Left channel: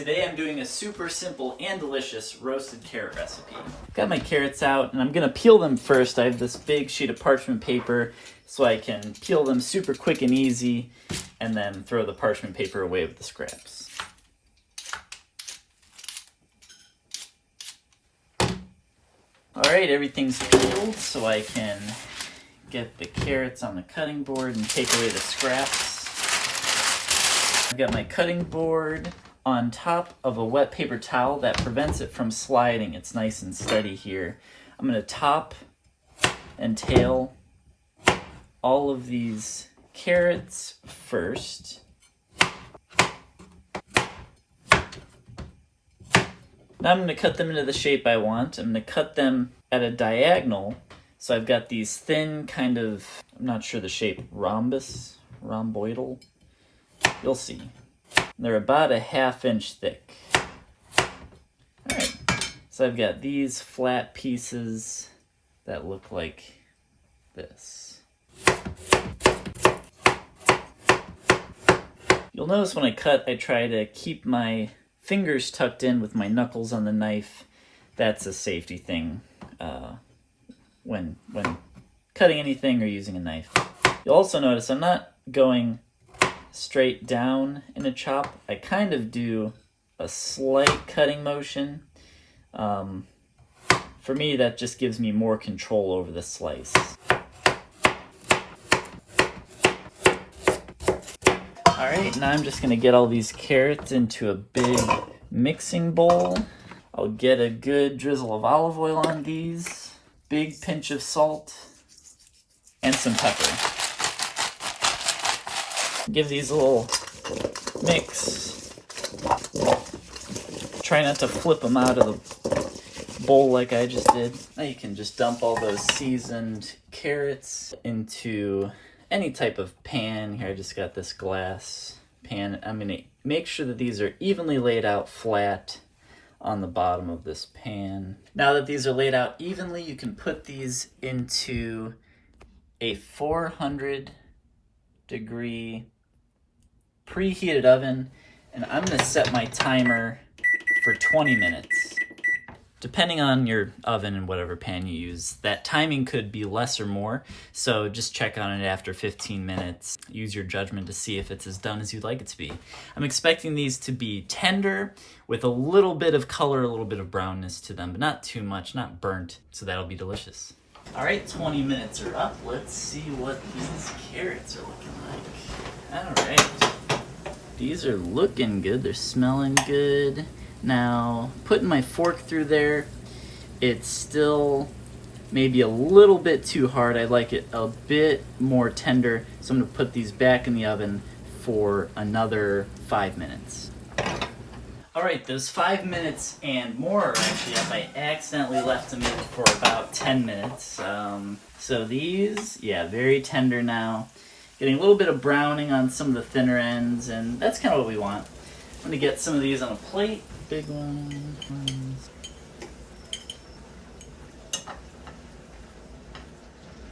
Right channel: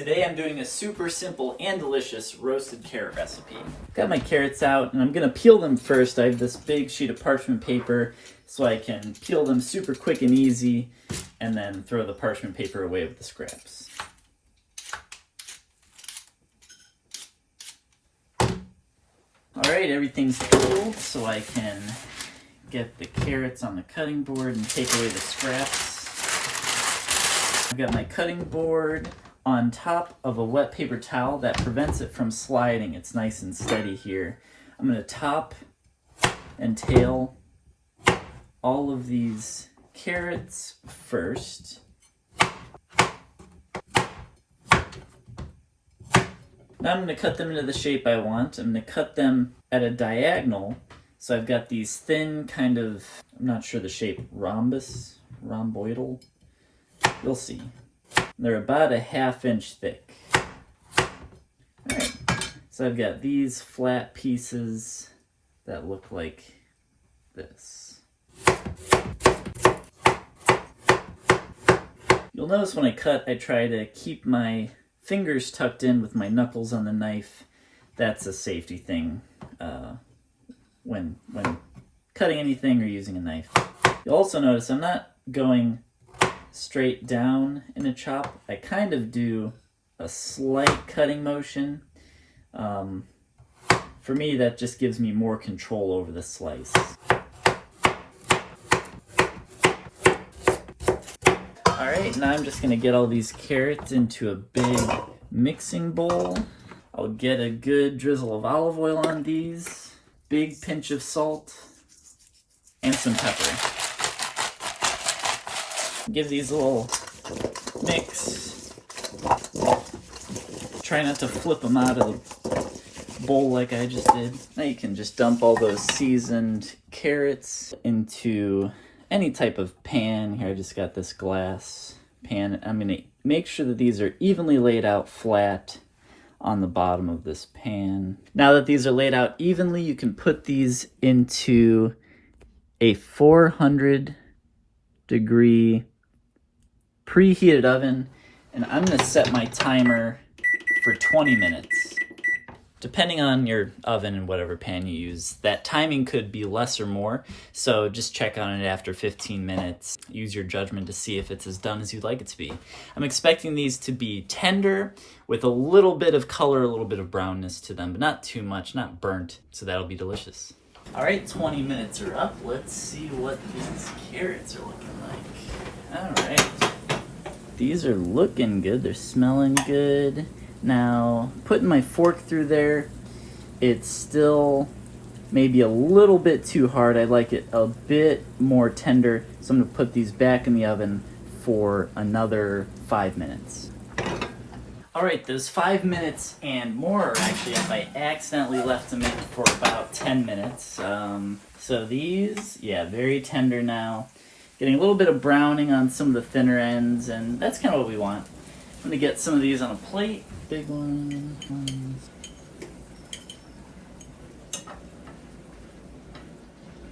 Today I'm doing a super simple and delicious roasted carrot recipe. Got my carrots out and I'm gonna peel them first. I have this big sheet of parchment paper so I can peel them super quick and easy and then throw the parchment paper away with the scraps. Alright, everything's peeled so I can get the carrots on the cutting board and take away the scraps. I've got my cutting board on top of a wet paper towel that prevents it from sliding. It's nice and steady here. I'm going to top and tail all of these carrots first. Now I'm going to cut them into the shape I want. I'm going to cut them at a diagonal. So I've got these thin kind of, I'm not sure the shape, rhomboidal. You'll see. They're about a 1/2 inch thick. Alright, so I've got these flat pieces that look like this. You'll notice when I cut, I try to keep my fingers tucked in with my knuckles on the knife. That's a safety thing when cutting anything or using a knife. You'll also notice I'm not going straight down in a chop. I kind of do a slight cutting motion. For me, that just gives me more control over the slice. Alright, now I'm just going to get all these carrots into a big mixing bowl. I'll get a good drizzle of olive oil on these, big pinch of salt, and some pepper. Give these a little mix. Try not to flip them out of the bowl like I just did. Now you can just dump all those seasoned carrots into any type of pan. Here I just got this glass pan. I'm going to make sure that these are evenly laid out flat on the bottom of this pan. Now that these are laid out evenly, you can put these into a 400-degree preheated oven, and I'm going to set my timer for 20 minutes. Depending on your oven and whatever pan you use, that timing could be less or more, so just check on it after 15 minutes. Use your judgment to see if it's as done as you'd like it to be. I'm expecting these to be tender with a little bit of color, a little bit of brownness to them, but not too much, not burnt, so that'll be delicious. All right, 20 minutes are up. Let's see what these carrots are looking like. All right. These are looking good. They're smelling good. Now, putting my fork through there, it's still maybe a little bit too hard. I like it a bit more tender. So I'm going to put these back in the oven for another 5 minutes. All right, those 5 minutes and more are actually up. I accidentally left them in for about 10 minutes. So these, yeah, very tender now. Getting a little bit of browning on some of the thinner ends, and that's kind of what we want. I'm going to get some of these on a plate. Big one.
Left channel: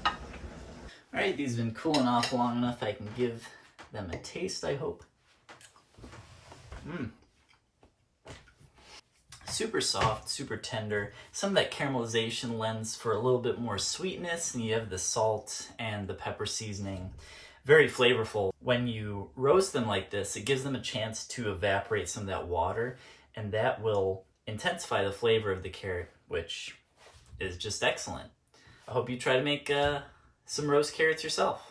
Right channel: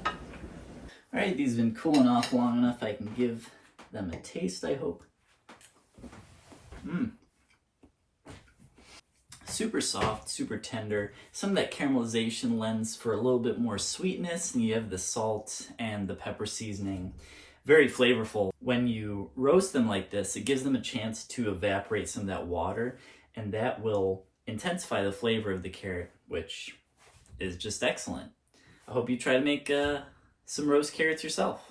All right, these have been cooling off long enough I can give them a taste, I hope. Super soft, super tender. Some of that caramelization lends for a little bit more sweetness, and you have the salt and the pepper seasoning. Very flavorful. When you roast them like this, it gives them a chance to evaporate some of that water, and that will intensify the flavor of the carrot, which is just excellent. I hope you try to make some roast carrots yourself.